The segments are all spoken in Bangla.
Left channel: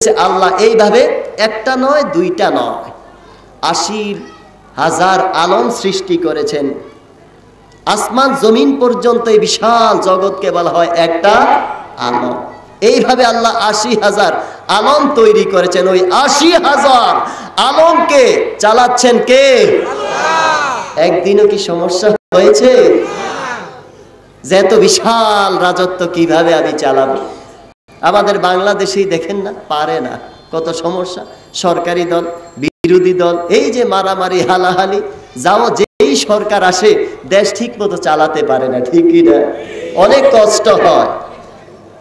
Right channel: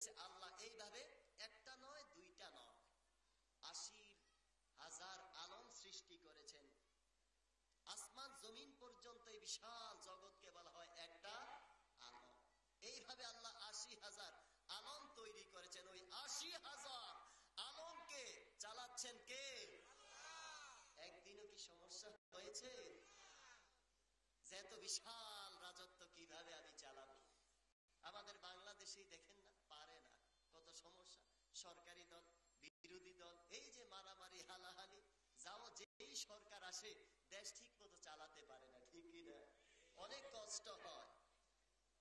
আল্লাহ এইভাবে একটা নয়, দুইটা নয়। আশি হাজার আলম সৃষ্টি করেছেন। আসমান, জমিন পর্যন্ত এই বিশাল জগৎকে বলা হয় একটা আলম। এইভাবে আল্লাহ আশি হাজার আলম তৈরি করেছেন। ওই আশি হাজার আলমকে চালাচ্ছেন কে? একদিনও কি সমস্যা হয়েছে? যে এত বিশাল রাজত্ব কীভাবে আমি চালাবো? আমাদের বাংলাদেশেই দেখেন না, পারে না। কত সমস্যা? সরকারি দল, বিরোধী দল, এই যে মারামারি, হালাহালি, যাও যেই সরকার আসে, দেশ ঠিক মতো চালাতে পারে না, ঠিকই না। অনেক কষ্ট হয়।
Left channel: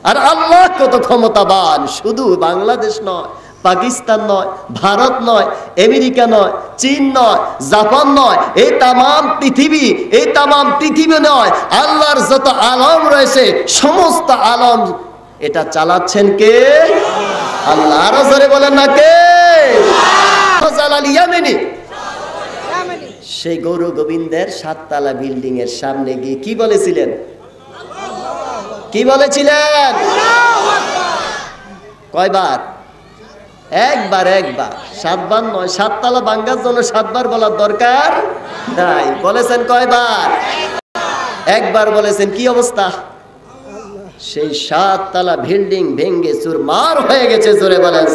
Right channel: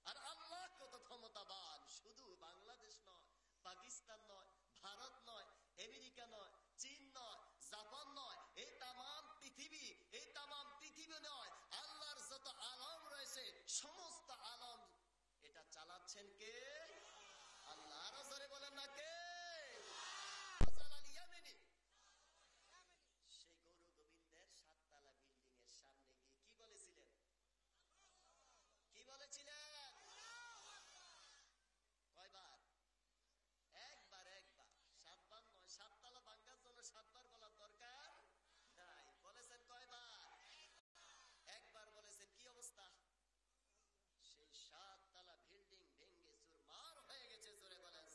আর আল্লাহ কত ক্ষমতাবান, শুধু বাংলাদেশ নয়, পাকিস্তান নয়, ভারত নয়, আমেরিকা নয়, চীন নয়, জাপান নয়, এই তামাম পৃথিবী, এই তামাম পৃথিবী নয়, আল্লাহর যত আলম রয়েছে, সমস্ত আলম এটা চালাচ্ছেন কে? আল্লাহ, আরও বলেন না কে? সেই গৌর গোবিন্দের সাততলা বিল্ডিং এর সামনে গিয়ে কি বলেছিলেন? কি বলেছিলেন? কয়বার? একবার একবার। সাতবার নয়, সাততলা বাঙ্গার জন্য সাতবার বলার দরকার নাই। বলেছেন কয়বার? একবার বলেছেন, কি অবস্থা? সেই সাততলা বিল্ডিং ভেঙ্গে চুরমার হয়ে গেছে, জোরে বলেন।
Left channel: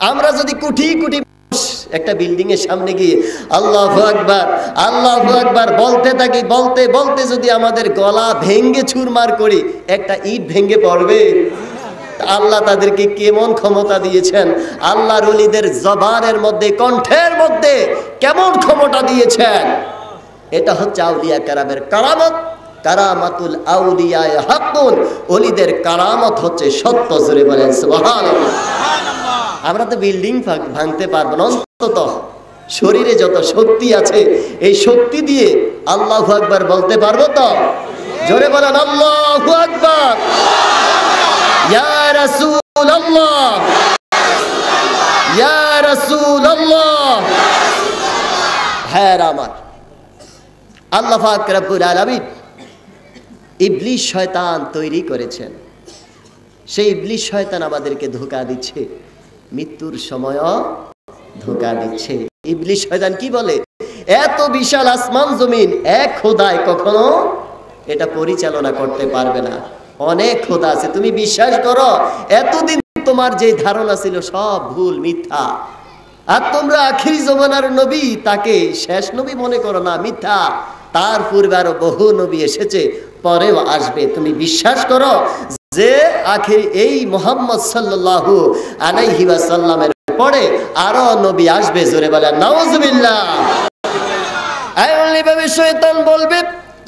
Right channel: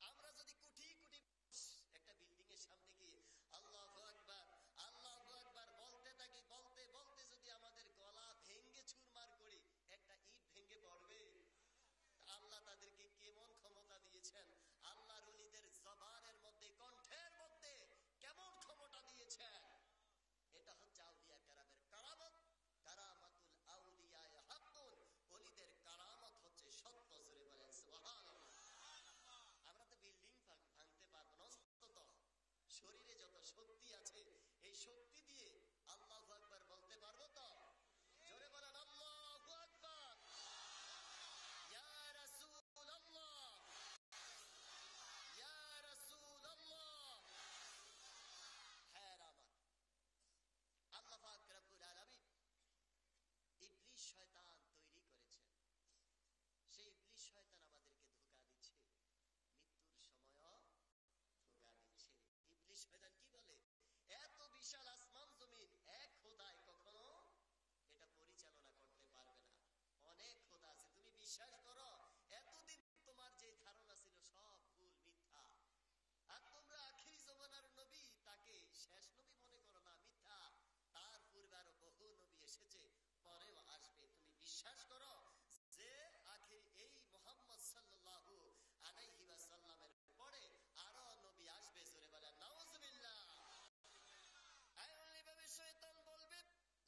আমরা যদি কোটি কোটি একটা বিল্ডিং এর সামনে গিয়ে, আল্লাহ আকবার আল্লাহ আকবার, বলতে থাকি, বলতে বলতে যদি আমাদের গলা ভেঙ্গে চুরমার করি, একটা ইট ভেঙ্গে পড়বে। আল্লাহ তাদেরকে কেমন ক্ষমতা দিয়েছেন? আল্লাহর অলিদের জবানের মধ্যে, কণ্ঠের মধ্যে কেমন ক্ষমতা দিয়েছেন? এটা হচ্ছে আউলিয়া কারামের কারামত। কারামাতুল আউলিয়া হাকুন অলিদের কারামত হচ্ছে সত্য বলেন সুবহানাল্লাহ। আমরা তো বিল্ডিং ভাঙতে পারব না অন্তত শরীরে যত শক্তি আছে এই শক্তি দিয়ে আল্লাহ আকবার বলতে পারব তো? জোরে বলেন আল্লাহ আকবার। ইয়া রাসূলুল্লাহ। ইয়া রাসূলুল্লাহ। হ্যাঁ আমার। আল্লাহ পাক রব্বুল আলামিন ইবলিশ শয়তান তৈরি করেছেন। সেই ইবলিশ শয়তান আমাদেরকে ধোকা দিচ্ছে। মৃত্যুর সময়ও ধোকা দিচ্ছে। ইবলিশ শয়তান কি বলে? এত বিশাল আসমান জমিন, এক খোদায় কখনো এটা পরিচালনা করতে পারবে না। অনেক খোদা আছে। তুমি বিশ্বাস করো, এতদিন তোমার যে ধারণা ছিল সব ভুল, মিথ্যা। আর তোমরা আখিরি জমানার নবী, তাকে শেষ নবী মনে করো না, মিথ্যা। তার পূর্বে আরও বহু নবী এসেছে। পরেও আসবে। তুমি বিশ্বাস করো যে আখির এই মোহাম্মদ সাল্লাল্লাহু আলাইহি ওয়াসাল্লামের পরে আরও নবী আসবে জোরে বলে, নাউজুবিল্লাহ। এমনিভাবে শয়তান বলবে,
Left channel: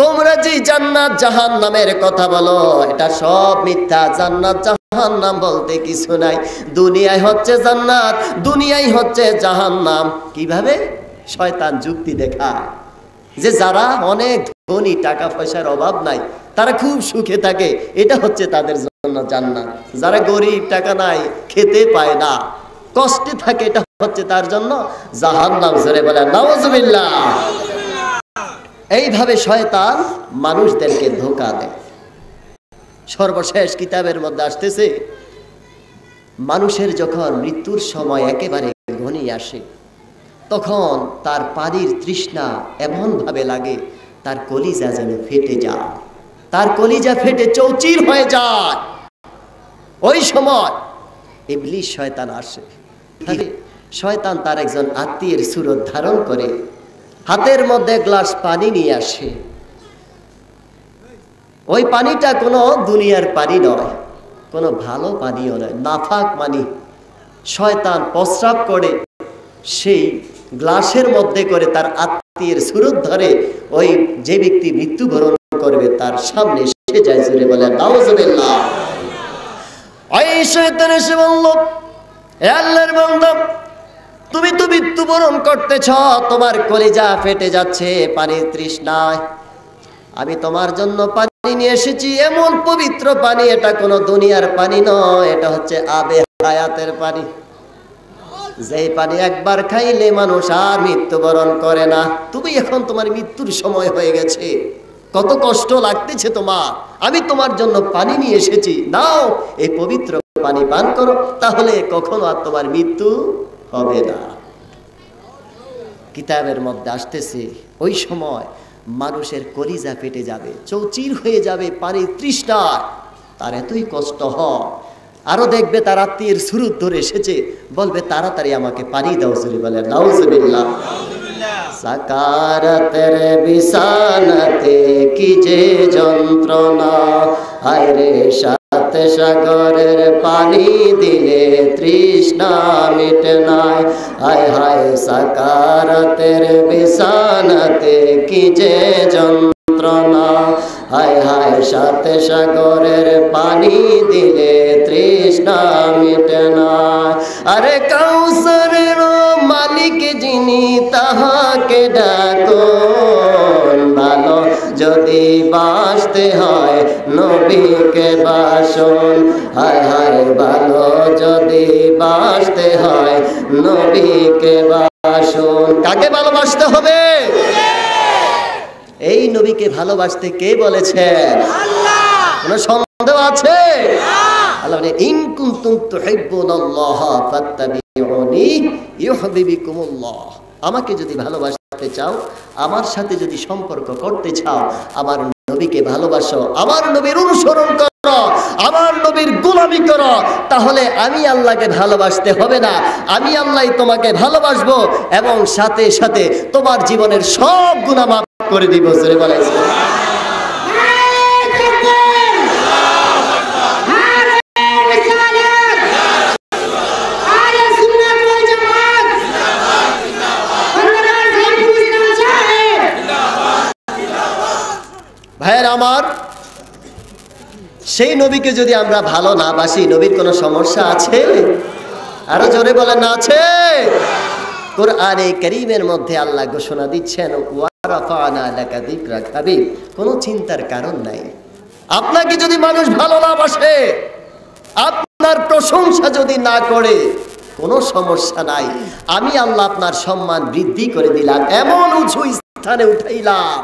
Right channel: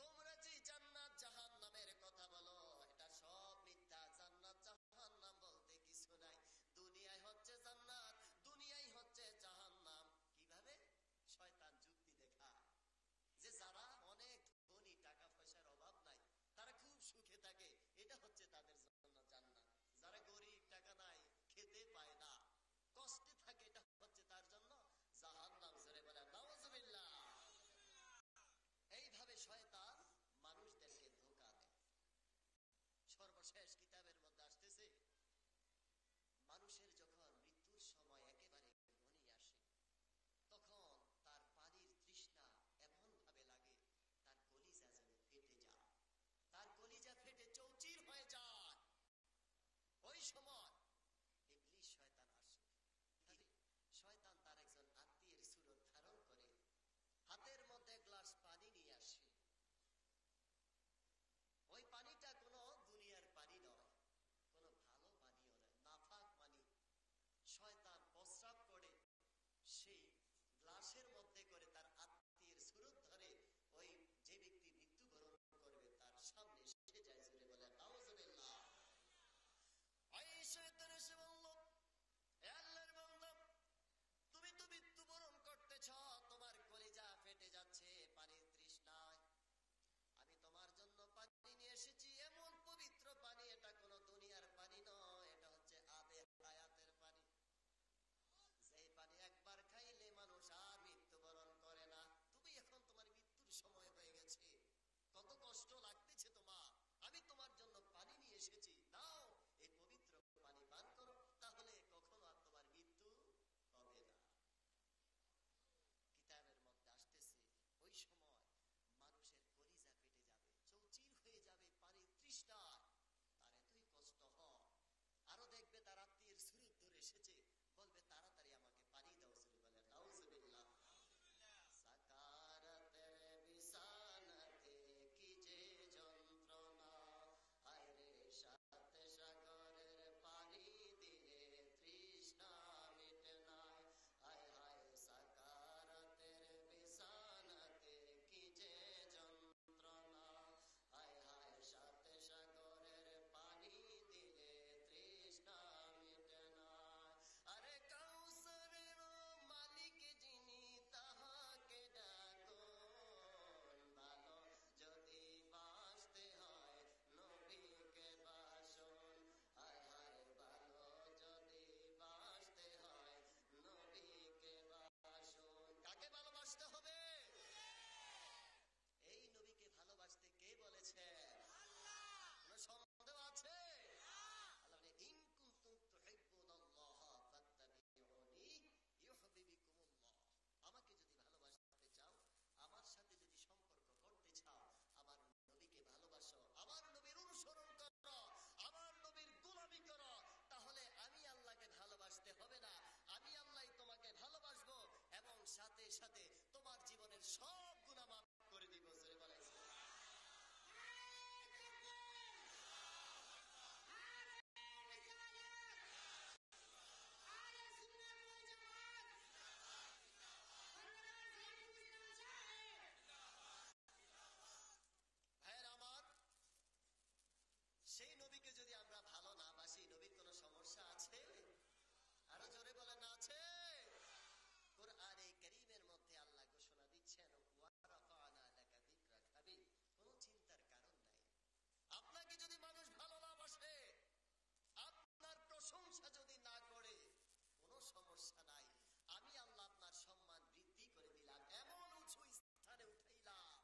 তোমরা যে জান্নাত জাহান নামের কথা বলো, এটা সব মিথ্যা। জান্নাত জাহান নাম বলতে কিছু নাই। দুনিয়ায় হচ্ছে জান্নাত দুনিয়ায় হচ্ছে জাহান নাম কীভাবে? শয়তান যুক্তি দেখায়। যে যারা অনেক ধনী টাকা পয়সার অভাব নাই, তারা খুব সুখে থাকে। এটা হচ্ছে তাদের জন্য জান্নাত। যারা গরিব, টাকা নাই, খেতে পায় না, কষ্টে থাকে, এটা হচ্ছে তার জন্য জাহান নাম জোরে বলে নওয়াজবিল্লাহ এইভাবে শয়তান মানুষদেরকে ধোকা দেয়। সর্বশেষ কিতাবের মধ্যে আসতেছে, মানুষের যখন মৃত্যুর সময় একেবারে ঘনিয়ে আসে তখন তার পানির তৃষ্ণা এমন ভাবে লাগে, তার কলিজা যেন ফেটে যায়। তার কলিজা ফেটে চৌচির হয়ে যায়। ওই সময় ইবলিশ শয়তান আসে। শয়তান তার একজন আত্মীয়ের সুরত ধারণ করে, হাতের মধ্যে গ্লাস পানি নিয়ে আসে। ওই পানিটা কোনো দুনিয়ার পানি নয়, কোনো ভালো পানিও নয়, নাফাক পানি। শয়তান প্রস্রাব করে সেই গ্লাসের মধ্যে করে তার আত্মীয়ের সুরত ধরে, ওই যে ব্যক্তি মৃত্যুবরণ করবে, তার সামনে সে যায় জুড়ে বলে, নাউজুবিল্লাহ। ওই শয়তান এসে বলল, "এ আল্লাহর বান্দা, তুমি তো মৃত্যুবরণ করতেছ, তোমার কলিজা ফেটে যাচ্ছে, পানির তৃষ্ণায়। আমি তোমার জন্য পানি নিয়ে এসেছি, এমন পবিত্র পানি, এটা কোনো দুনিয়ার পানি নয়, এটা হচ্ছে আবে হায়াতের পানি। যে পানি একবার খাইলে মানুষ আর মৃত্যুবরণ করে না। তুমি এখন তোমার মৃত্যুর সময় হয়ে গেছে। কত কষ্ট লাগতেছে তোমার। আমি তোমার জন্য পানি নিয়ে এসেছি। নাও, এই পবিত্র পানি পান করো, তাহলে কখনো আর তোমার মৃত্যু হবে না। কিতাবের মধ্যে আসতেছে, ওই সময় মানুষের কলিজা ফেটে যাবে, চৌচির হয়ে যাবে পানির তৃষ্ণায়। তার এতই কষ্ট হয় আরও দেখবে তার আত্মীয়ের সুরুত ধরে এসেছে। বলবে, তাড়াতাড়ি আমাকে পানি দাও সুরি বলে। নাউজুবিল্লাহ। সাকারাতের বিছানাতে কি যে যন্ত্রণা। হায় রে সাথে সাগরের পানি দিলে তৃষ্ণা মিটে নাই। হায় হায়, সাকারাতের বিছানাতে কি যে যন্ত্রণা। হায় হায়, সাথে সাগরের কাকে ভালোবাসতে হবে? এই নবীকে ভালোবাসতে কে বলেছেন? কোন সন্দেহ আছে? আল্লাহ বলে ইন তুহিব্বুনাল্লাহ ফাত্তাবিউনি ইউহিব্বুকুমুল্লাহ আমাকে যদি ভালোবাসতে চাও আমার সাথে যদি সম্পর্ক করতে চাও আমার নবীকে ভালোবাসো আমার নবীর অনুসরণ করো। আমার নবীর গুলামি করো, তাহলে আমি আল্লাহকে ভালোবাসতে হবে না। আমি আল্লাহ তোমাকে ভালোবাসবো এবং সাথে সাথে তোমার জীবনের সব গুণা মাফ করে দিব, জোরে বলেছে ভাইয়ের আমার সেই নবীকে যদি আমরা ভালো না বাসি, নবীর কোনো সমস্যা আছে? আরও জোরে বলেন, আছে। কোরআনে করিমের মধ্যে আল্লাহ ঘোষণা দিচ্ছেন কোনো চিন্তার কারণ নাই। আপনাকে যদি মানুষ ভালো না বাসে, আপনার প্রশংসা যদি না করে, কোনো সমস্যা নাই। আমি আল্লাহ আপনার সম্মান বৃদ্ধি করে দিলাম, এমন উঁচু স্থানে উঠাইলাম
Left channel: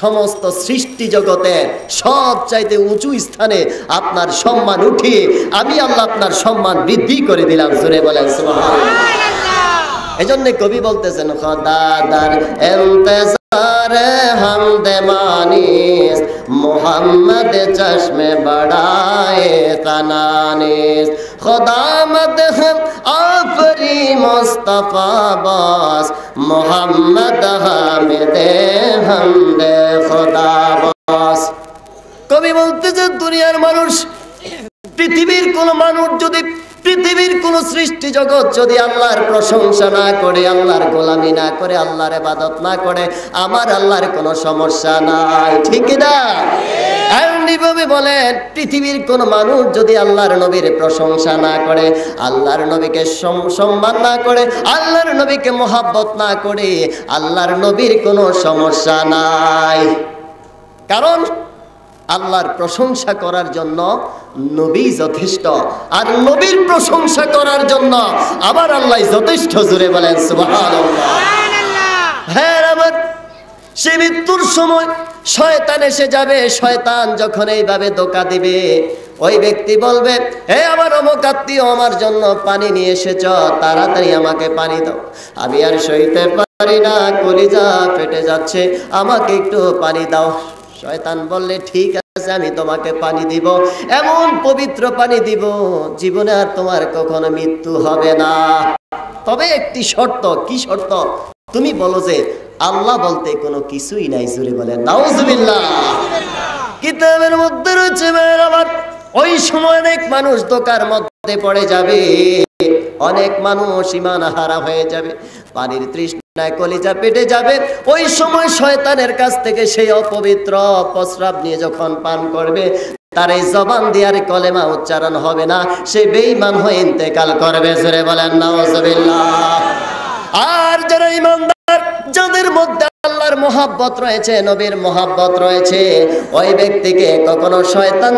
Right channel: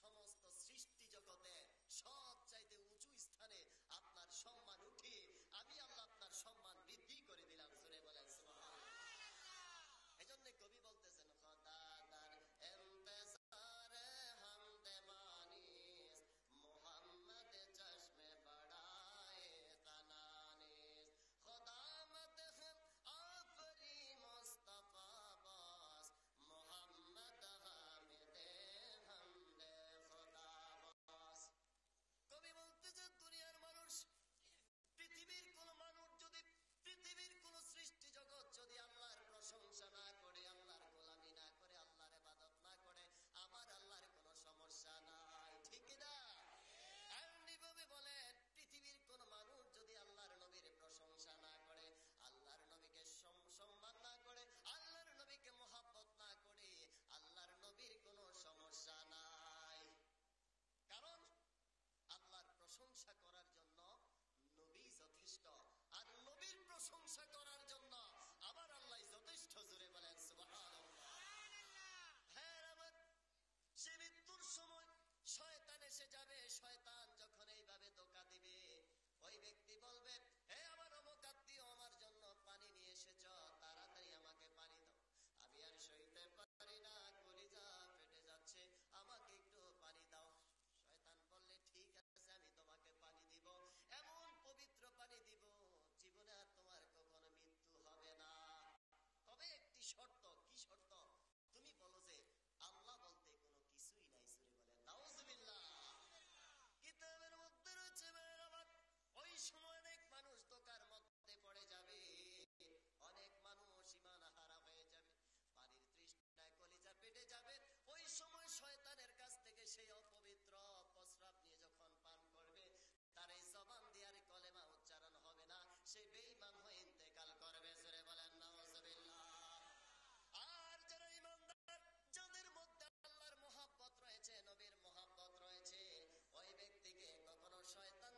সমস্ত সৃষ্টি জগতের সব চাইতে উঁচু স্থানে আপনার সম্মান উঠিয়ে আমি আল্লাহ আপনার সম্মান বৃদ্ধি করে দিলাম, জোরে বলেন এই জন্য কবি বলতেছেন, খদাদার এন্তেজারে হামদে মানিস, মোহাম্মদ চশমে বড়ায়ে তানানিস খদামদ হম বাস মোহাম্মদ হামিদে হামদে খোদা বাস কবি বলতেছে দুনিয়ার মানুষ, পৃথিবীর কোন মানুষ যদি, পৃথিবীর কোন সৃষ্টি জগৎ যদি আল্লাহর প্রশংসা না করে, আল্লাহর গোলামি না করে, আল্লাহর ইবাদত না করে, আমার আল্লাহর কোনো সমস্যা নাই, ঠিক না? এমনিভাবে বলেন পৃথিবীর কোন মানুষ যদি আল্লাহর নবীর প্রশংসা না করে আল্লাহর নবীকে সম- সম্মান না করে আল্লাহর নবীকে মোহাব্বত না করে আল্লাহর নবীর কোনো সমস্যা নাই। কারণ আল্লাহর প্রশংসা করার জন্য নবী যথেষ্ট আর নবীর প্রশংসা করার জন্য আবার আল্লাহ যথেষ্ট জুড়ে বলেন সুবহানাল্লাহ। হ্যাঁ আমার সে মৃত্যুর সময় শয়তান এসে যাবে। শয়তান যখন এইভাবে দোকা দিবে, ওই ব্যক্তি বলবে, হে আমার অমুক আত্মীয়, আমার জন্য পানি নিয়ে এসেছ, তাড়াতাড়ি আমাকে পানি দাও। আমি আর সইতে পারি না, কলিজা ফেটে যাচ্ছে, আমাকে একটু পানি দাও। শয়তান বললে, ঠিক আছে, আমি তোমাকে পানি দিব, এমন পবিত্র পানি দিব, জীবনে আর তোমার কখনো মৃত্যু হবে না। তবে একটি শর্ত, কি শর্ত? তুমি বলো যে আল্লাহ বলতে কোনো কিছুই নাই জুড়ে বলে, নাউজুবিল্লাহ। কিতাবের মধ্যে রয়েছে ওই সময় অনেক মানুষ দোকার মধ্যে পড়ে যাবে। অনেক মানুষ ইমান হারা হয়ে যাবে, পানির তৃষ্ণায় কলিজা পেটে যাবে। ওই সময় শয়তানের কাছ থেকে সেই অপবিত্র প্রস্রাব নিয়ে যখন পান করবে, তার এই জবান দিয়ার কলেমা উচ্চারণ হবে না। সে বেইমান হয়ে ইন্তেকাল করবে, জোরে বলেন, নাউজুবিল্লাহ। আর যারা ইমানদার, যাদের মধ্যে আল্লাহর মোহাব্বত রয়েছে, নবীর মহাব্বত রয়েছে, ওই ব্যক্তিকে কখনো শয়তান